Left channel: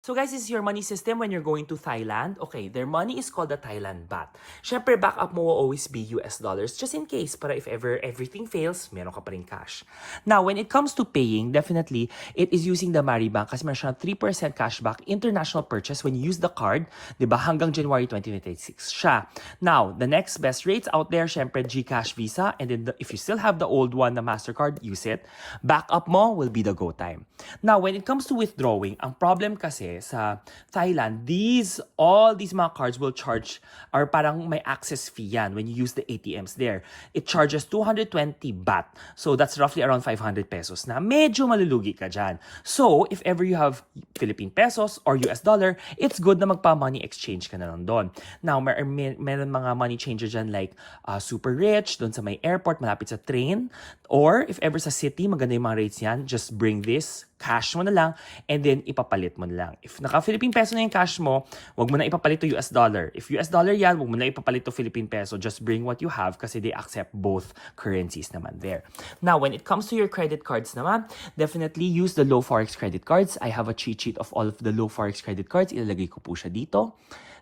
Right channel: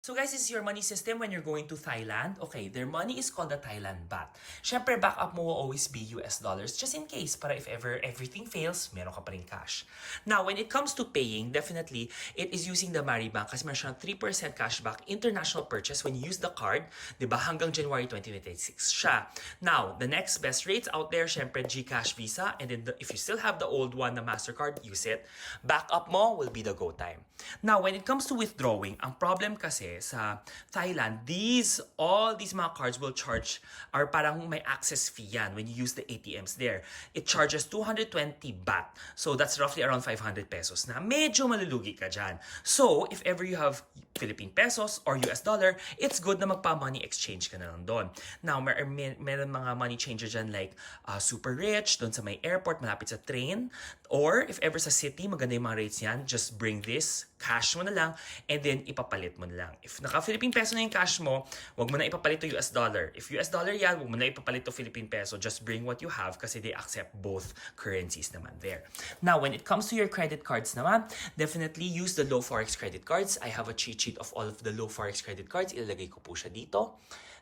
So guys, this is your money system when you're going to Thailand. Okay, their money is called the Thailand baht. Syempre, backup mo will always be US dollars just in case para if ever everything fails, meron ka pa rin cash. Now, when it comes to paying, definitely, it is using the Maribank kasi meron siyang 3% cashback international purchase when you use the card, di ba, hanggang January 2026 siya. Now, the next best rates out there, syempre, GCash, Visa, and then if you still have the old one, the MasterCard, use it. Backup mo will be the go time. Now, when it comes to withdrawing, ang problem kasi sa Thailand, all these mga cards will charge or parang may access fee yan when you use the ATMs there. It charges 220 baht. So that's roughly around 500 pesos na medyo malulugi ka dyan. So if ever you have Philippine pesos or US dollar, it's good na magpa-money exchange ka na lang doon. Now, meron mga money changer dyan like Super Rich, doon sa may airport, malapit sa train. Or if ever sa city, maganda yung mga rates yan, just bring this, cash mo na lang, and then ipapalit mo na lang. If naka-Philippine peso na yung cash mo, wag mo na ipapalit to US dollar. If US dollar yan, wag mo na ipapalit to Philippine peso. Just bring what you have kasi they accept both currencies naman there. Now, when it comes to your credit cards naman, definitely use the low forex credit cards. I have a cheat sheet of all of the low forex credit cards. Ilalagay ko po siya dito.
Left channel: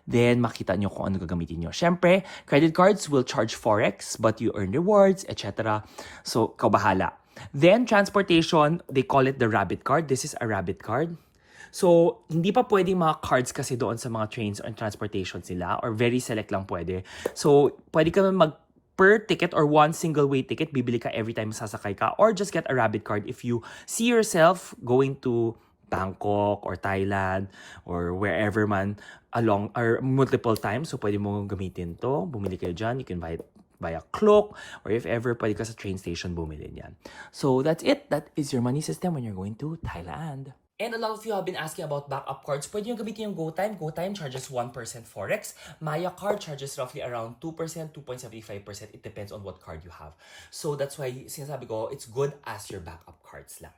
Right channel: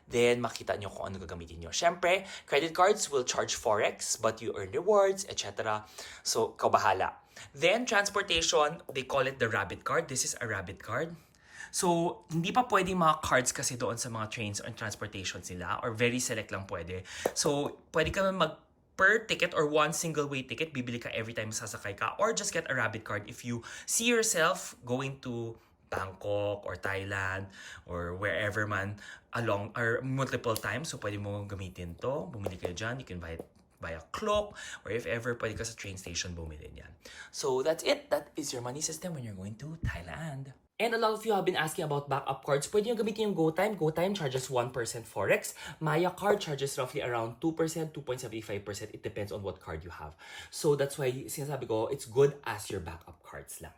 Then, makita nyo kung ano gagamitin nyo. Siyempre, credit cards will charge forex, but you earn rewards, etc. So, kabahala. Then, transportation, they call it the rabbit card. This is a rabbit card. So, hindi pa pwedeng mga cards kasi doon sa mga trains or transportation sila or very select lang pwede. So, pwede ka per ticket or one single way ticket, bibili ka every time sasakay ka or just get a rabbit card if you see yourself going to Bangkok or Thailand or wherever man along or multiple times. So, pwede mo gamitin to. Bumili kayo dyan. You can buy it via Klook or if ever, pwede ka sa train station bumili yan. So, that's it. That is your money system when you're going to Thailand. And a lot of you have been asking about backup cards. Pwede nyo gamitin yung GoTime. GoTime charges 1% Forex. Maya card charges roughly around 2%, 2.75%. It depends on what card you have. So that's why, sinasabi ko, it's good as your backup cards lang.